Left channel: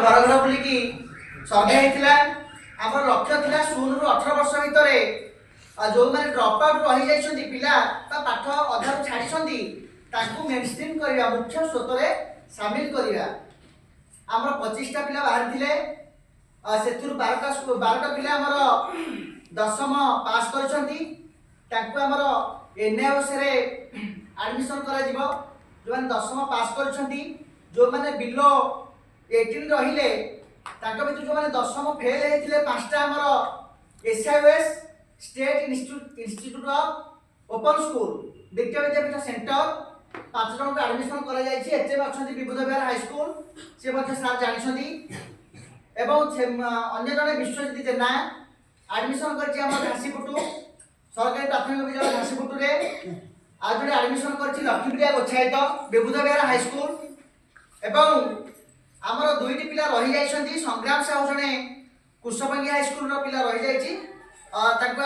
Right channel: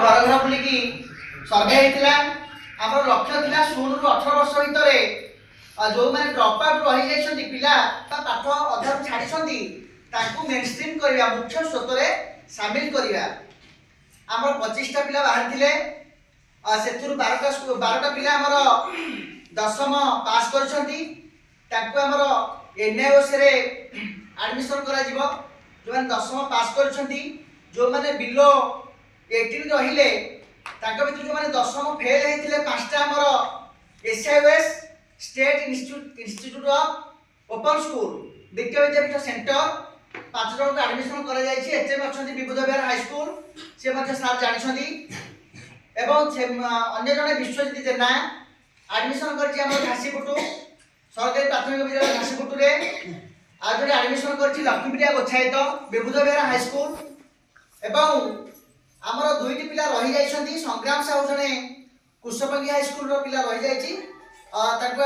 घर घर बुलिकी सर्वे होता आम लक्ष्य था 16 ରୁ 18 वर्ष भितर जो मैंने ड्रप आउट रही जाइछन्ती पिला पाठ अधा छाड़ी मेनस्ट्रीम करवा मुख्य स्रोत सामिल करवा आमर 25टा पिला बाहर थिले से 12टा पिला आमर दशम पास करछन्ती तांको आमर एनआईओसी रे एडमिशन करा जिवो जो मैंने दशम पास करछन्ती जो मैंने बिलो 18 रहिले तांको भितर जो मैंने दशम फेल हेथिले पांचटा आमर SIOS state institute of open school Vidya Vidyapeeth centre 5 जन को एडमिशन करा जायछि एचएम अछन्ती विबुध विहार हाई स्कूल से मध्ये सार जानिछन्ती एवं अन्य जने विश्वजित जेना एडमिशन करछि हमर घासीपुटु सरकारी प्राथमिक विद्यालय घासीपुटु रे आ जने एडमिशन करछि लक्ष्मीप्रिया गोछायत विबुध विहार हाई स्कूल एवं हमर दुईटी पिला रहि जाइछन्ती संग्राम साहू जने कुशपंगी हाई स्कूल रो पिला रहि जाइछि ताको